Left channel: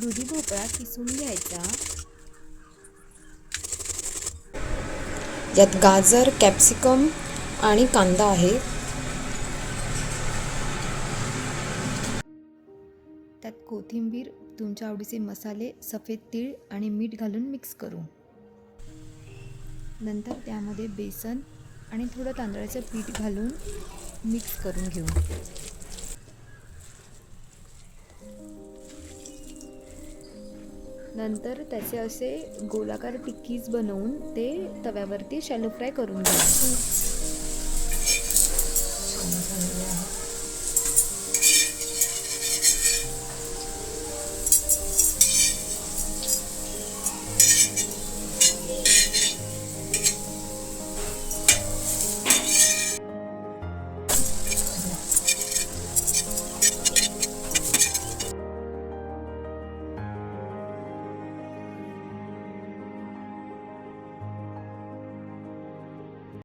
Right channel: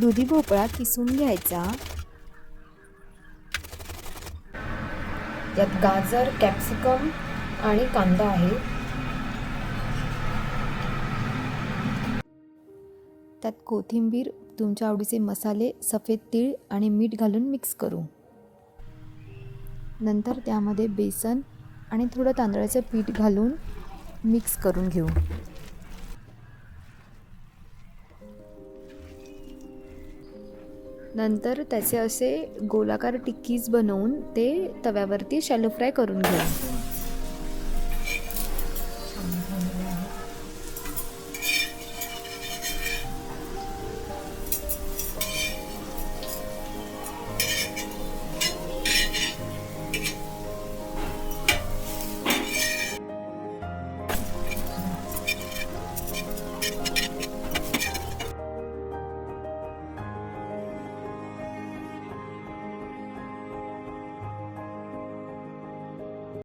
दुधी भोपळा किसून घ्यायचा. यात गाजर, कॅप्सिकम आणि कांदा आहे. त्यात कोथिंबीर, तुमच्या आवडीचे मसाले, सफेद तीळ आणि मीठ घालून मिक्स करू. नंतर त्यामध्ये बेसन आणि थोडं तांदळाचं पीठ घालून मिक्स करून घेऊ. नंतर त्याचे असे गोलाकार टिक्कीज बनवून ते तव्यावरती शॅलो फ्राय करून घेऊ.